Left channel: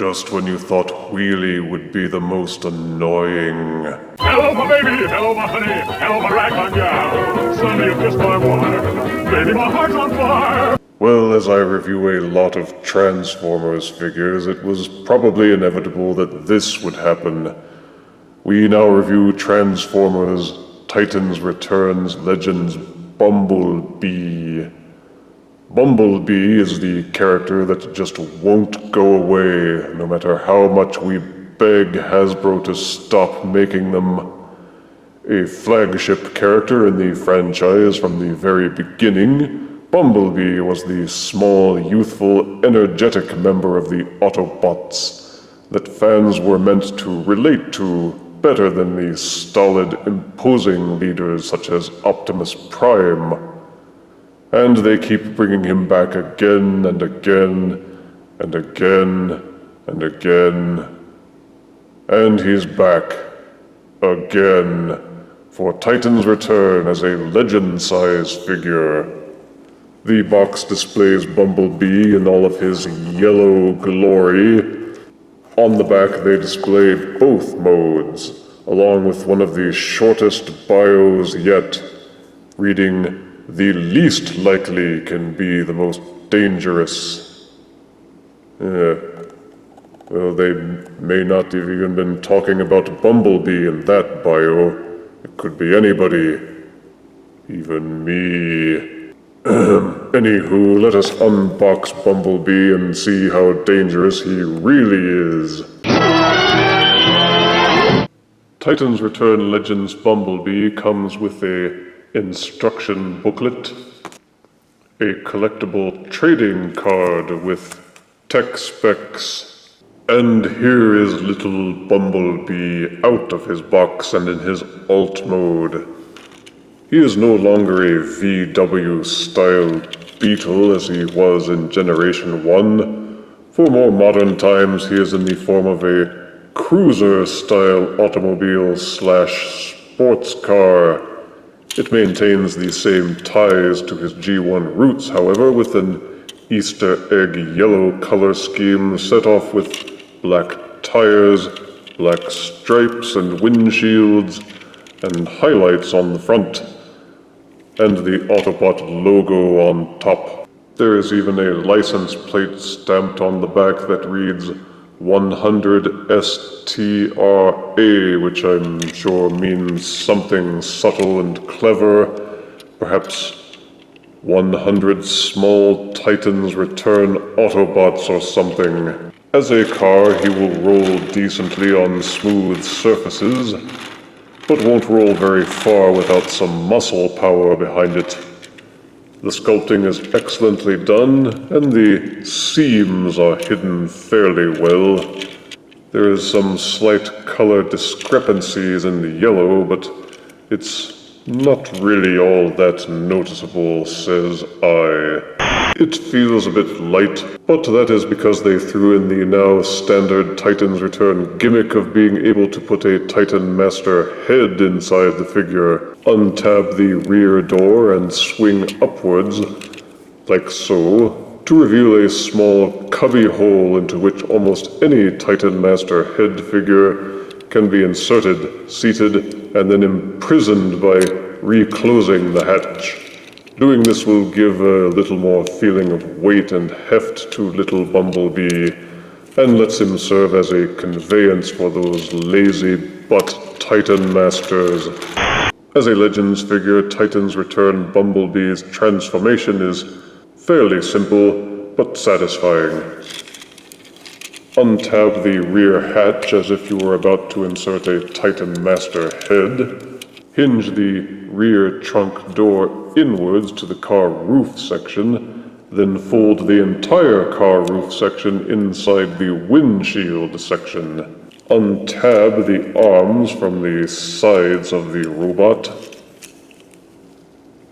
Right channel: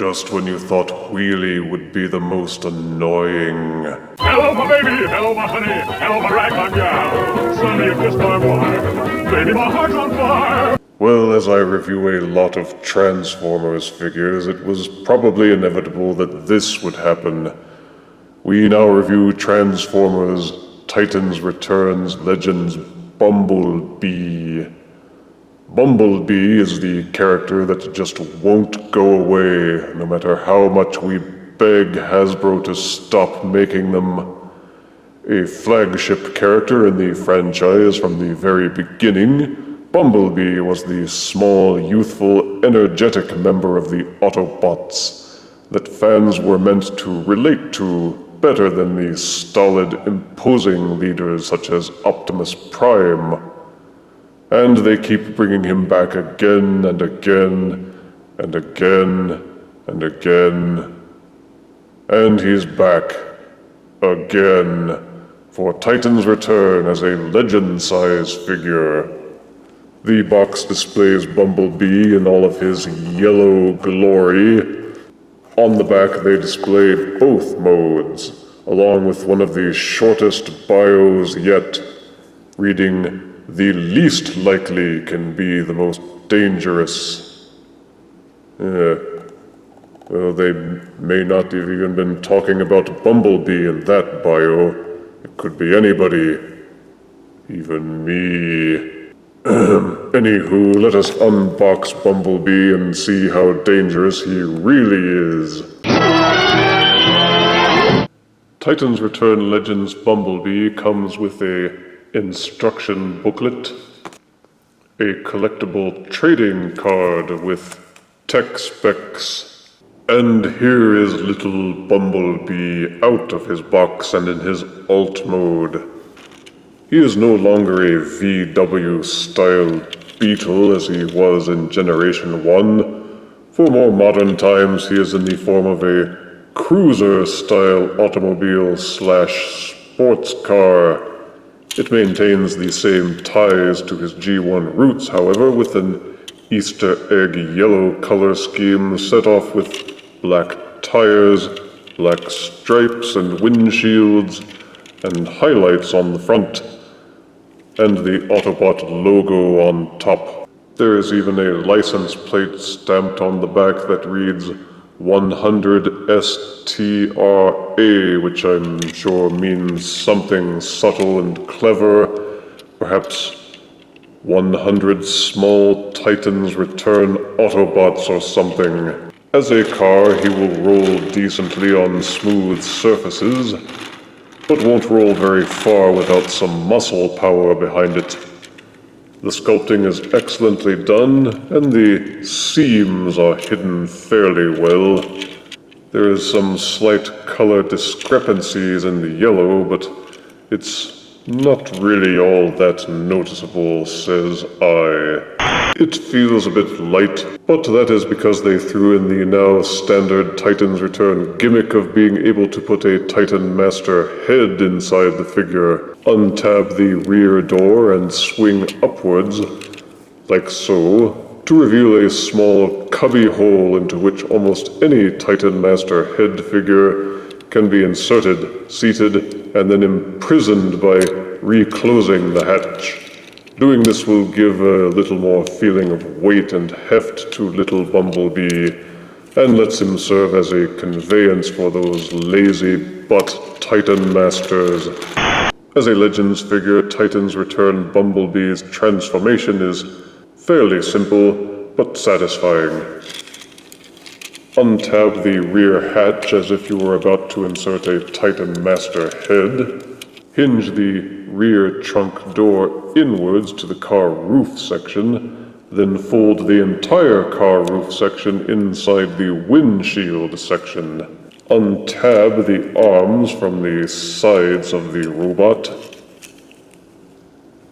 Just when you thought Wheelie would be the most annoying. Hello, my baby! Hello, my honey! Hello, my ragtime gal! Suddenly you kissed my wife! Baby, my heart's on fire! Well, as I review a lot of Transformers figures, it was probably inevitable that this would happen. We now review Transformers Titans Returns Legends Bumblebee. Bumblebee is the character that just won't go away, no matter how much we beg Hasbro to stop making them. A flagship character in the franchise from the very beginning, Bumblebee was the small, youthful, energetic member of the Autobots that fans were meant to relate to better than the stolid, imposing leaders such as Optimus Prime. And they keep bringing him back again and again and again and again. And he's back again for Titans Return as a legend-size figure. The box displays Bumblebee in all of his yellow glory. On the back they display both modes, along with one of the shortest bios yet, reading, "The least likely can be the most dangerous." Well, they may not have even been talking about Bumblebee in that bio. It could be anybody. Even me. Anywho, let us unbox Bumblebee and see how dangerous he really is. Titans Return Legends Bumblebee comes with a instruction booklet, a collectible trading card with tech specs, and here is little Bumblebee out of his box and in his alt mode. He is no longer a VW-style Beetle as he was in Generation 1. For more modern times, he is in the form of a cruiser-style automobile / sports car. It maintains the same ties to his G1 roots, however, with an Easter egg yellow color scheme set off with black tires, black stripes and windshields, and highlights on the front, and the Autobot logo on top. There is even a license plate stamped on the back that reads 100STRA, which I'm sure means something subtle and clever, perhaps 100 Small Titans Return Autobots or something. As a car, he will roll decently on smooth surfaces, but won't roll very far without some muscle power behind it. The sculpting is excellently done, and the seams are hidden fairly well. There is some slight color discrepancies in the yellow, but it's not really all that noticeable, says I. It feels a bit light, but that is because they threw in the now standard Titans Return gimmick of being able to put a Titan Master head inside the figure, untab the rear door and swing upwards, like so, to reveal a small cubby hole into which almost any Titan Master head figure can be inserted, seated, and then imprisoned by reclosing the hatch. Doing this will give a little more feeling of weight and heft to little Bumblebee, and lets him serve as a conveyance for those lazy butt Titan Masters. As a Legends figure, Titans Return Bumblebee's transformation is fairly simple, but satisfying. Untab the rear hatch as if you were about to insert a Titan Master head. Hinge the rear trunk door inwards to the car roof section, then fold the entire car roof section inside the windshield section. Untab the arms from the sides of the robot,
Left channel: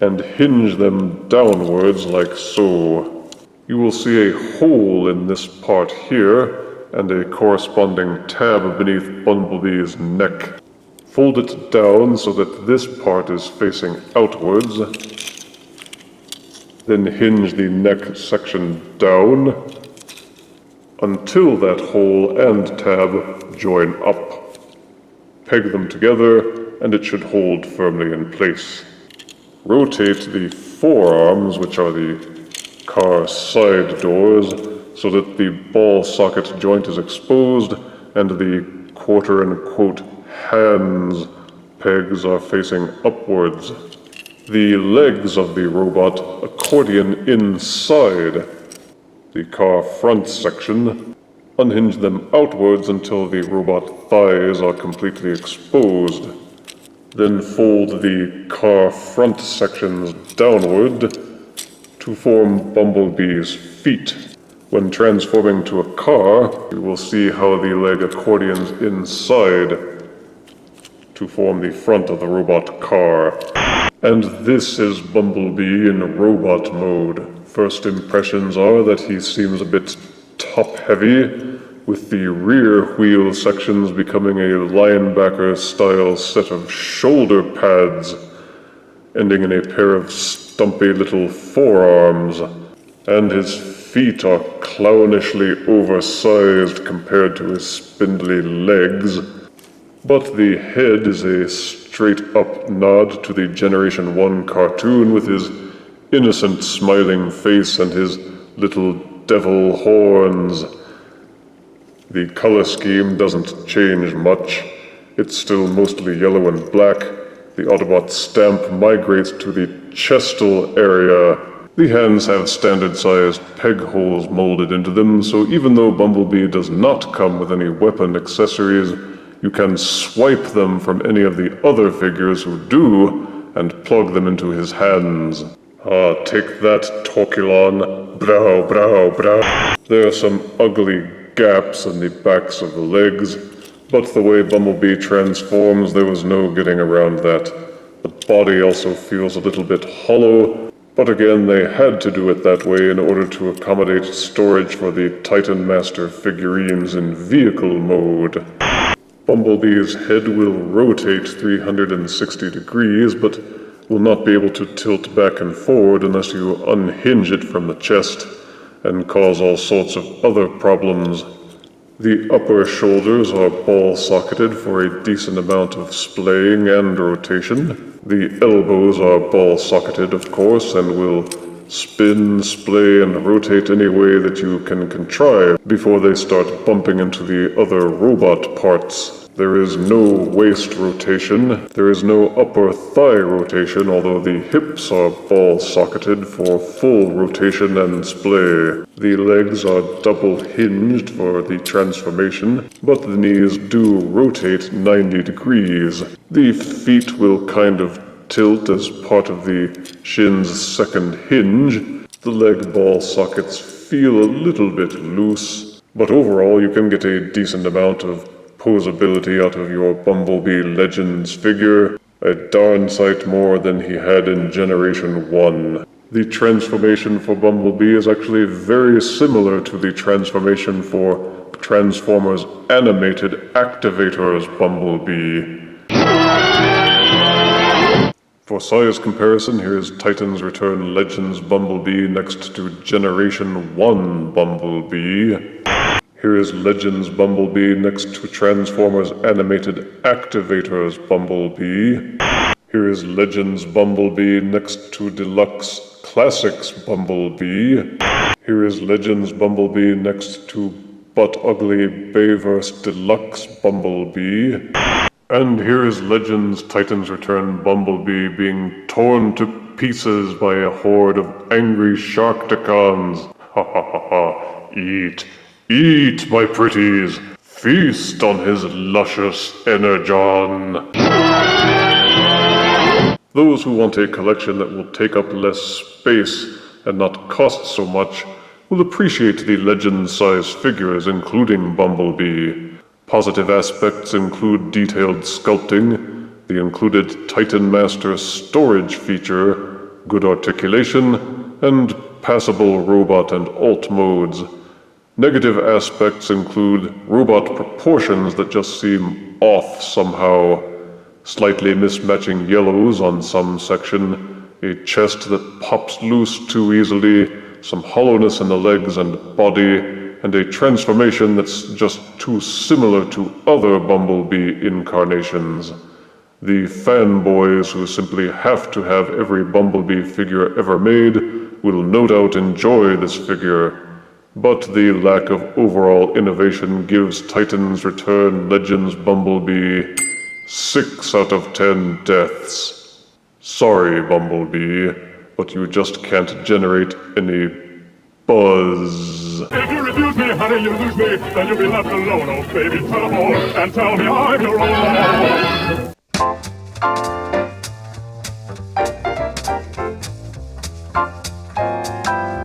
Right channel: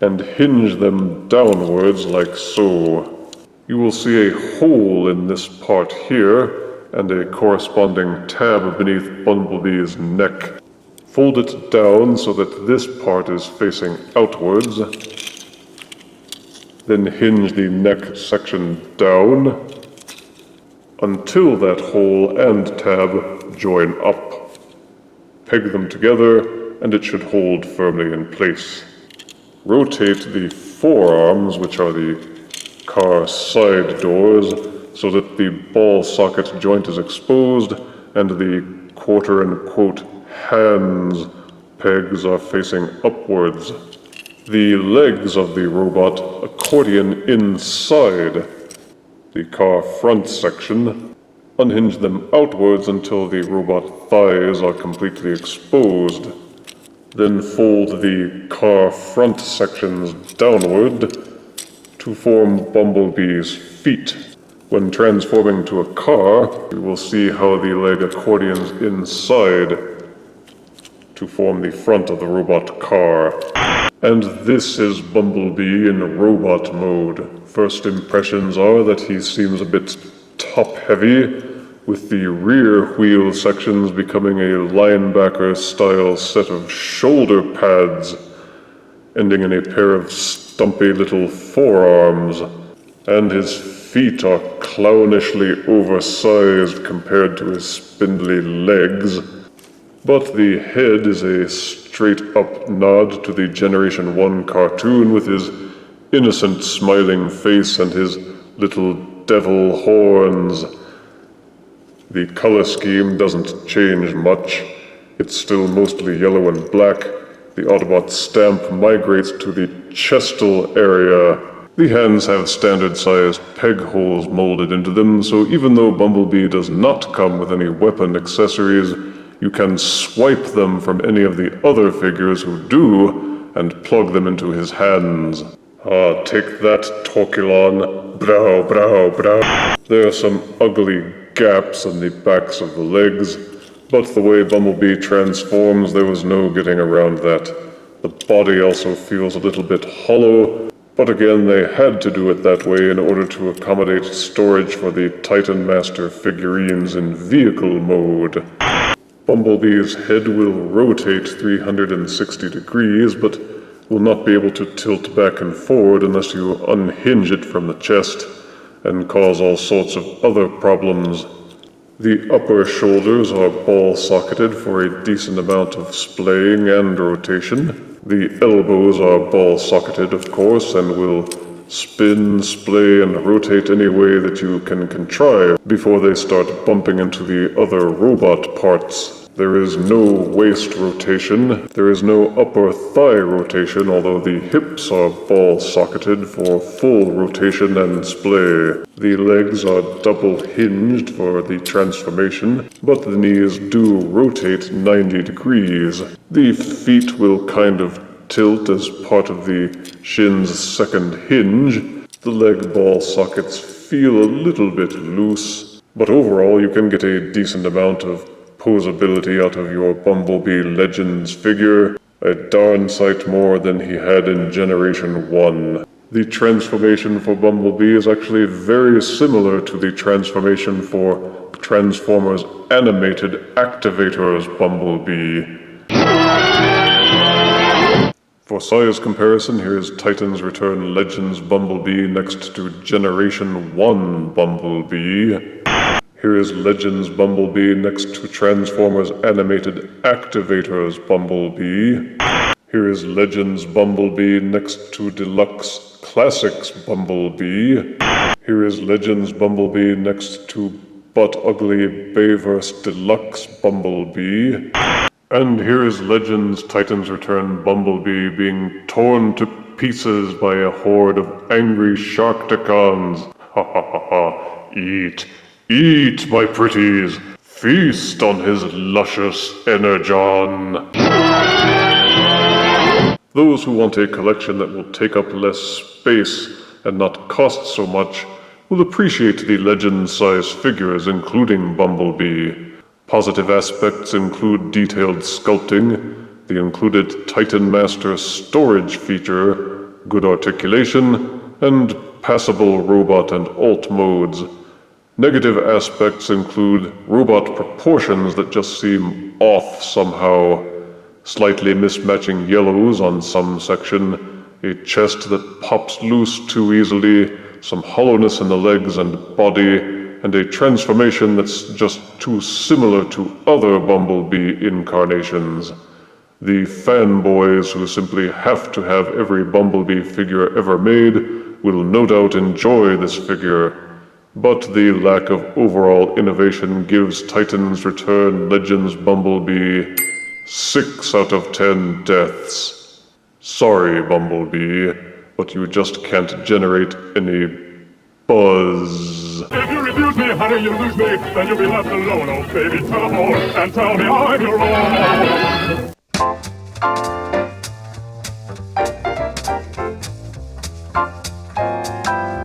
and hinge them downwards like so. You will see a hole in this part here, and a corresponding tab beneath Bumblebee's neck. Fold it down so that this part is facing outwards. Then hinge the neck section down. until that hole and tab join up. Peg them together, and it should hold firmly in place. Rotate the forearms, which are the car side doors, so that the ball socket joint is exposed and the quote-unquote hands pegs are facing upwards. The legs of the robot accordion inside the car front section. Unhinge them outwards until the robot thighs are completely exposed. Then fold the car front sections downward to form Bumblebee's feet. When transforming to a car, you will see how the leg accordions inside to form the front of the robot car. And this is Bumblebee in robot mode. First impressions are that he seems a bit top-heavy, with the rear wheel sections becoming a linebacker-style set of shoulder pads, ending in a pair of stumpy little forearms, and his feet are clownishly oversized compared to his spindly legs. But the head is a straight-up nod to the Generation 1 cartoon with his innocent smiling face and his little devil horns. The color scheme doesn't change much. It's still mostly yellow and black. The Autobot stamp migrates to the chestal area. The hands have standard-sized peg holes molded into them, so even though Bumblebee does not come with any weapon accessories, you can swipe them from any of the other figures who do, and plug them into his hands. Ah, take that, Torculon. Brow, brow, brow. There are some ugly gaps in the backs of the legs, but the way Bumblebee transforms, there was no getting around that. The body also feels a little bit hollow, but again, they had to do it that way in order to accommodate storage for the Titan Master figurines in vehicle mode. Bumblebee's head will rotate 360 degrees, but will not be able to tilt back and forward unless you unhinge it from the chest, and cause all sorts of other problems. The upper shoulders are ball-socketed for a decent amount of splaying and rotation. The elbows are ball-socketed, of course, and will spin, splay, and rotate any way that you can contrive before they start bumping into the other robot parts. There is no waist rotation. There is no upper thigh rotation, although the hips are ball-socketed for full rotation and splay. The legs are double-hinged for the transformation, but the knees do rotate 90 degrees. The feet will kind of tilt as part of the shin's second hinge. The leg ball sockets feel a little bit loose, but overall you can get a decent amount of posability out of your Bumblebee Legends figure, a darn sight more than he had in Generation 1. The transformation for Bumblebee is actually very similar to the transformation for Transformers Animated Activator's Bumblebee. For size comparison, here's Titans Return Legends Bumblebee next to Generation 1 Bumblebee. Here is Legends Bumblebee next to Transformers Animated Activator's Bumblebee. Here is Legends Bumblebee next to Deluxe Classics Bumblebee. Here is Legends Bumblebee next to Butt Ugly Bayverse Deluxe Bumblebee. And here is Legends Titans Return Bumblebee being torn to pieces by a horde of angry Sharkticons. Ha ha ha ha. Eat. Eat, my pretties! Feast on his luscious energon! Those who want a collection that will take up less space and not cost so much will appreciate the legend-size figures, including Bumblebee. Positive aspects include detailed sculpting, the included Titan Master storage feature, good articulation, and passable robot and alt modes. Negative aspects include robot proportions that just seem off somehow, slightly mismatching yellows on some section, a chest that pops loose too easily, some hollowness in the legs and body, and a transformation that's just too similar to other Bumblebee incarnations. The fanboys who simply have to have every Bumblebee figure ever made will no doubt enjoy this figure, but the lack of overall innovation gives Titans Return Legends Bumblebee 6 out of 10 deaths. Sorry, Bumblebee, but you just can't generate any buzz. If you refuse me, honey, you lose me. Then you'll be left alone, oh baby. Tell them all and tell me I'm your own.